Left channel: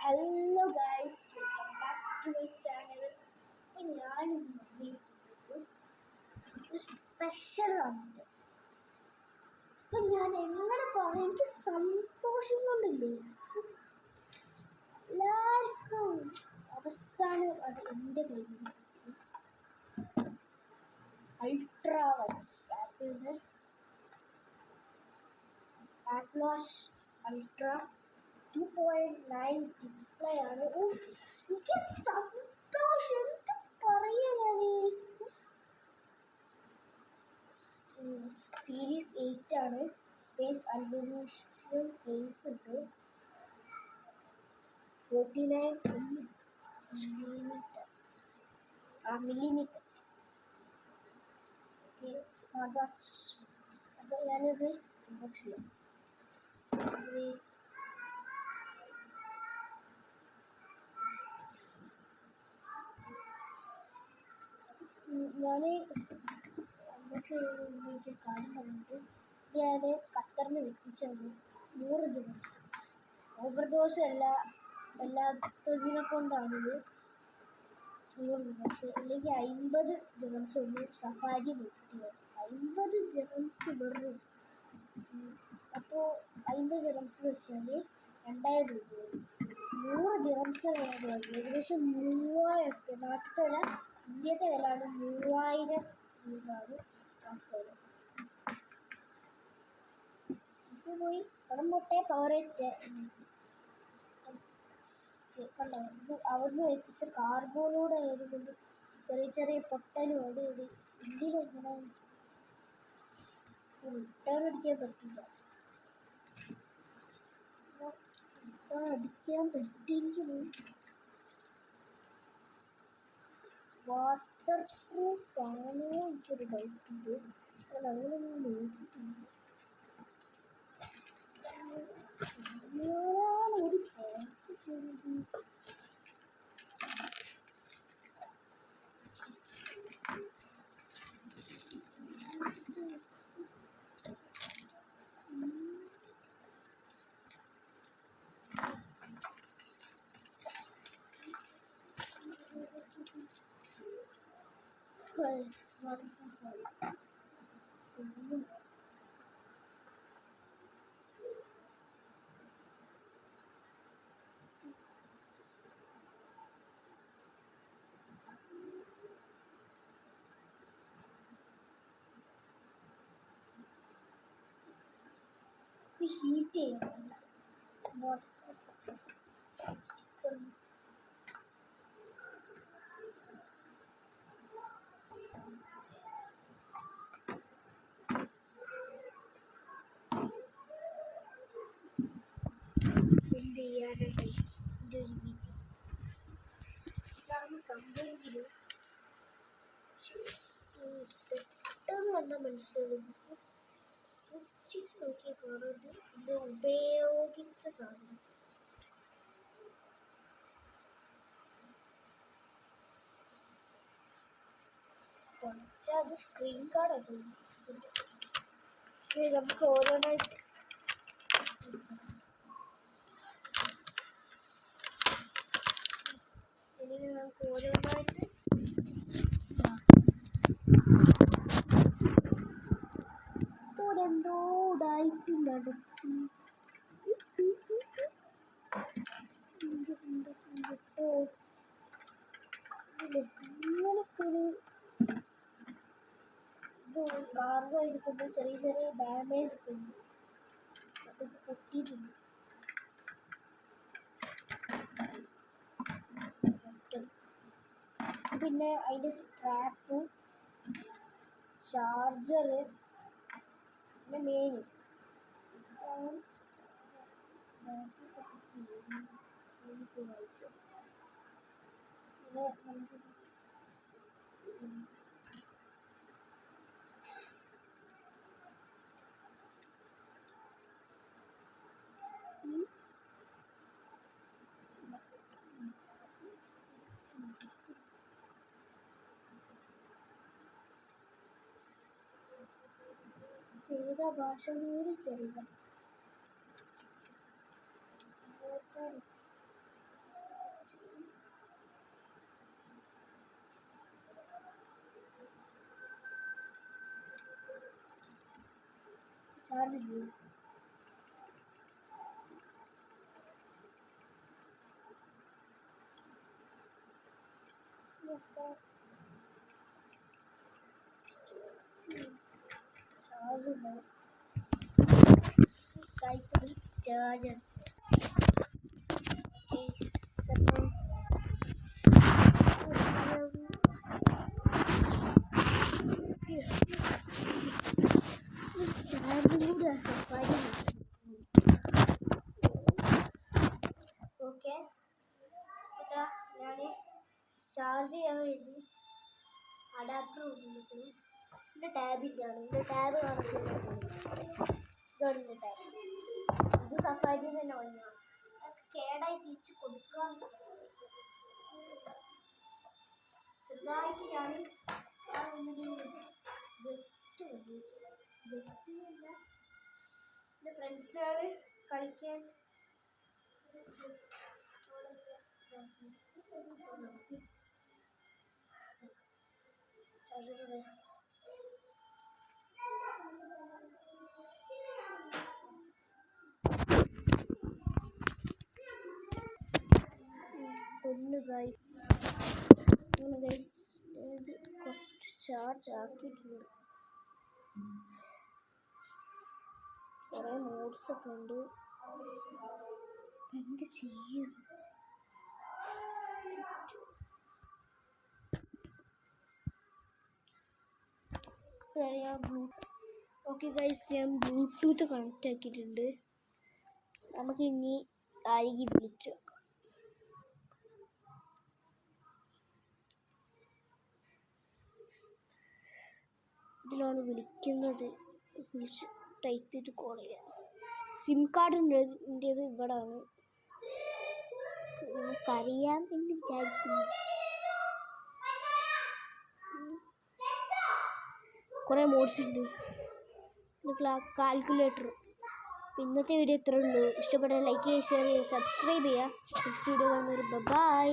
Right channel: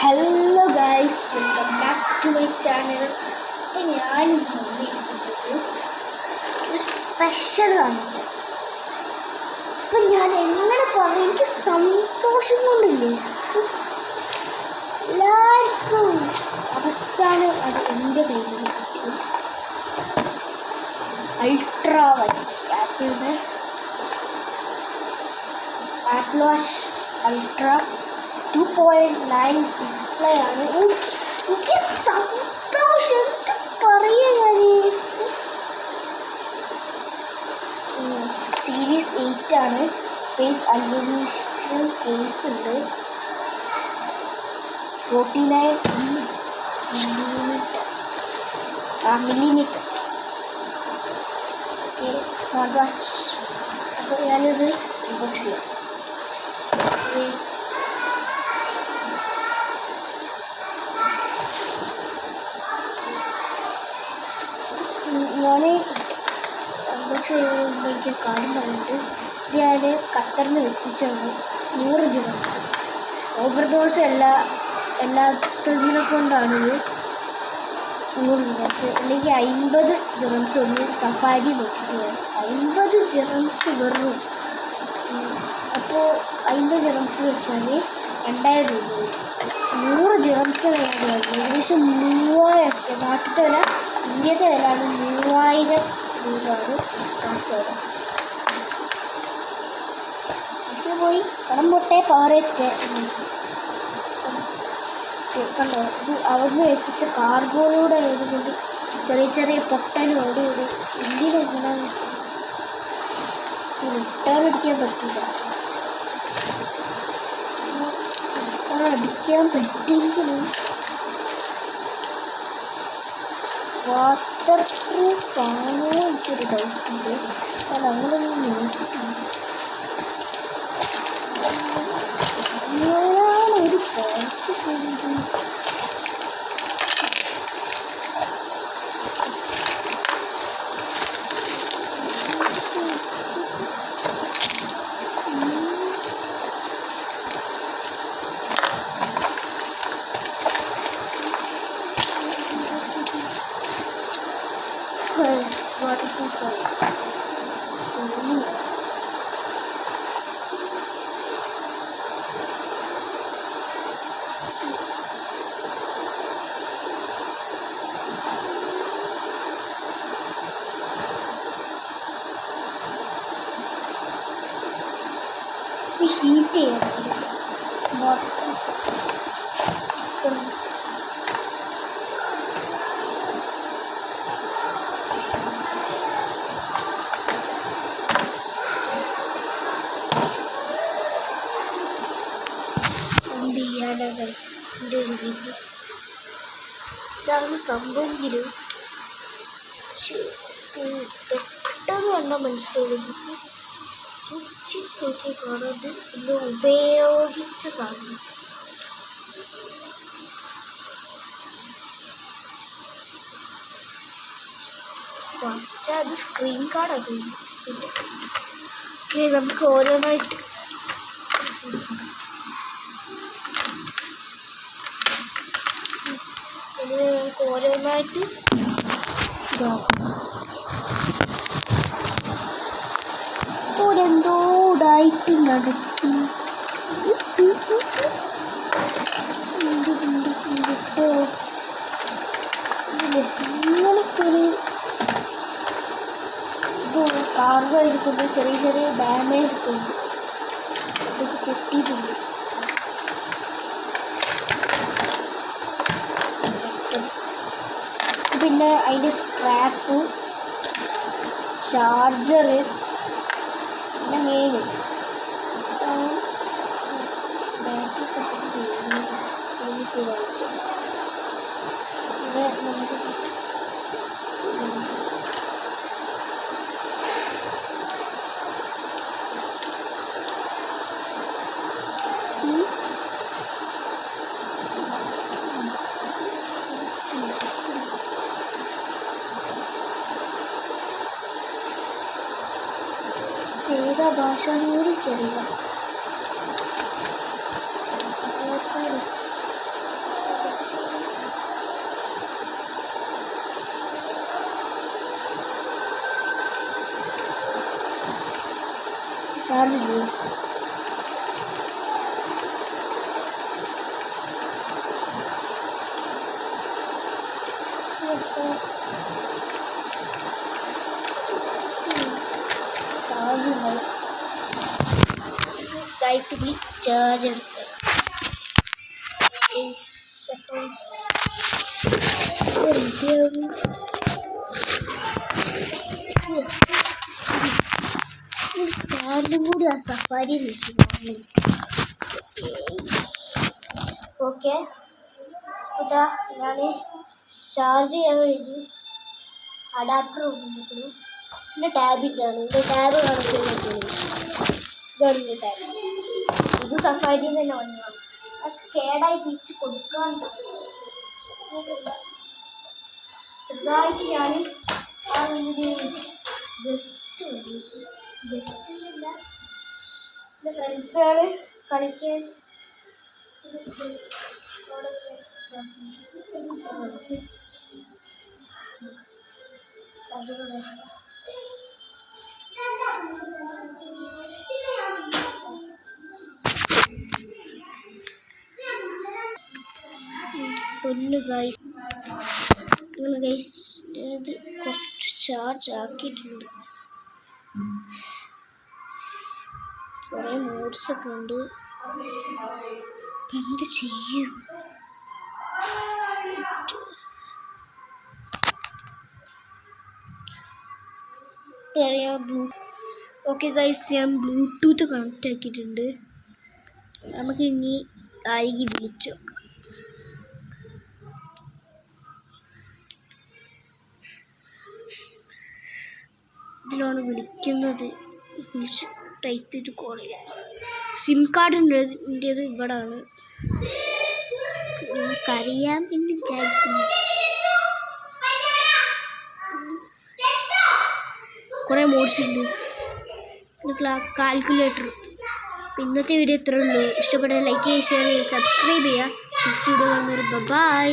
Hello guys, welcome back to my channel. അപ്പോൾ ഞാനിന്ന് വന്നിരിക്കുന്നത് ഒരു സ്പെഷ്യൽ ആണ്. അപ്പം ഞാൻ എങ്ങനെ പറയും, എനിക്ക് സന്തോഷം കൊണ്ടില്ലേ എല്ലാവർക്കും അവസാനം അത് എൻ്റെ കയ്യിൽ അൾട്രാ വാച്ച് ആപ്പിളിൻ്റെ ആപ്പിൾ വാച്ച് അൾട്രാ 2.9 ഡിസ്പ്ലേ ആണ്. എനിക്ക് സന്തോഷം എന്ത് പറയുക. ഞാൻ സീരീസ് 8 ആണ്. സ്പേസ് അലുമിനിയം കേസ് ഉണ്ട്. 49 മില്ലിമീറ്റർ ഓക്കെ, സ്മാർട്ട് വാച്ച്. അപ്പോൾ ഞാനിത് അൺബോക്സ് ചെയ്യാം. ഞാൻ അൺബോക്സ് ചെയ്യുമ്പോൾ എനിക്ക് കാര്യം പറഞ്ഞിട്ട് ഞാൻ ഖത്തറിൽ നിന്ന് എത്തിച്ചാണ് 100 ദിർഹംസ്. ഓവർഡോസ് എല്ലാത്തതിനെ കൊണ്ടാണിത് 100 ദിർഹംസ്. അല്ലെങ്കിൽ 50 ദിർഹംസ് ഒന്ന് സഫാരി നോക്കിയിട്ട് 50 ദിർഹംസ് വെറും. അപ്പോൾ 50 ദിർഹംസ് വെച്ചാൽ 2000 രൂപ വരും. 100 ദിർഹംസ് ഏകദേശം 3000. നാട്ടിലത്തെ വില, ഇന്ത്യത്തെ വിലയാണ് 3000 രൂപയാണ് നാട്ടിലെ വില. ഇത് പോയി പണം പൊട്ടേ പാറേറ്റെ കണ്ടോ. ഇത് അവിടുന്ന് എത്തിച്ച കാർഗോയിലൂടെ ആയതുകൊണ്ട് ചെറിയ ചെറിയ പൊട്ടലും അവിടെ ഇവിടെ. ഇന്ത്യയിലെങ്ങനെ റിട്ടേൺ അടിക്കാൻ പറ്റില്ല. അടിക്കാൻ പറ്റിയെങ്കിലും വാട്ടർ പ്രൂഫ് ആണോ എനിക്കൊരു ഡൗട്ടുണ്ട്. ഞാൻ അങ്ങനെയൊന്നും നോക്കിയിട്ടുണ്ട്. ഞാനൊരു പാട്ട് ചെയ്തു. Waterproof heat ചെയ്യണം. വാട്ടർപ്രൂഫ് എൻ്റെ ഒരു വിധി. ഇതാണ് സംഭവമെങ്കിലും പെട്ടെന്ന് കണ്ടാൽ മനസ്സിലാവുന്നത്. സൂക്ഷിച്ച് നോക്കിയാൽ കാണാതെ എന്തോ ഉപയോഗിച്ച സാധനം. പക്ഷേ അത് സ്ക്രീൻ കാർഡാണ്. പിന്നെ ഓക്കെ, നമുക്ക് ഓരോന്നായിട്ട് എന്തോടായിട്ട് നടത്തി. ഇങ്ങനൊക്കെ ഒരു ഇത് കാർഗോ ആയിരിക്കുമ്പോൾ ചെറിയ ചെറിയ ഡാമേജ് ഒക്കെ ഉണ്ട്. ഇതൊക്കെ പൊട്ടിയിട്ടുണ്ട്. പിന്നെ അതിൻ്റെ സ്ക്രാപ്പ്, ചാർജറ്, പിന്നെ മെയിൻ ബാറ്ററി വായിക്കാം. പിന്നെ നമുക്ക് ഏതാ ഭാഷ എനിക്കറിയില്ല. ചാർജ് ചെയ്യും. ചാർജ് ഉണ്ടാവും. ഗായത്രി ചാർജ് എടുക്കുക. ചാർജും കൂടി ആ സഫാരി നിൽക്കുന്നു. ഓക്കെ, ഇതാ ഞാൻ ചാർജ് ചെയ്യാൻ വേണ്ടി അഡാപ്റ്റർ ഉപയോഗിക്കുന്നു. പിന്നെ ടാബിൻ്റെ ആണ്. ഇതിൻ്റെ ടാബ് കാണിക്കുന്നത് ഇതാണ് ടാബ്. ഇത് സഫാരിയിൽ തന്നെ വന്നതാണ്. അത് കേടായി തിരിച്ച് കൊടുക്കാൻ ചെറുതായിട്ട് ഞാൻ ആ ഒരു ഗസ്റ്റില്ല എൻ്റെ ഫ്രണ്ട്സുകൾ കളിക്കാൻ പൊന്നു ഗൈസ്, അങ്ങനെ ഗൈസ് ഇത് കുറച്ച് ചാർജ് ആക്കിയിട്ടുണ്ട്. കുറേ മോഡ്സൊക്കെ ഉണ്ട്. എന്ത് ചെയ്യും? ഓക്കെ ഗൈസ്, ഞാൻ ബ്ലൂടൂത്ത് കണക്റ്റ് ആക്കിയിട്ടുണ്ട്. നമുക്ക് ഇനി അരികി വിളിച്ചു നോക്കാം. ഇതിലാണ് വിളിക്കുന്നത്. വിളിച്ച് ടൈപ്പ് ചെയ്ത് കോൾ ചെയ്യാം. സിം കാർഡിൻ്റേത് ഇവിടാണ്. നമുക്കറിയാം എന്ന് വിചാരിക്കുന്നു. കുറേ മോഡ്സ് ഉണ്ട്. പിന്നെ കാൽക്കുലേറ്റർ. അപ്പം ഇന്നത്തെ വീഡിയോ ഇത്രയേ ഉള്ളൂ. ഇഷ്ടപ്പെട്ടാൽ ലൈക്ക് ചെയ്യുക, ഷെയർ ചെയ്യുക, സബ്സ്ക്രൈബ് ചെയ്യുക. നെക്സ്റ്റ് വീഡിയോ കാണുന്നവർ ബൈ.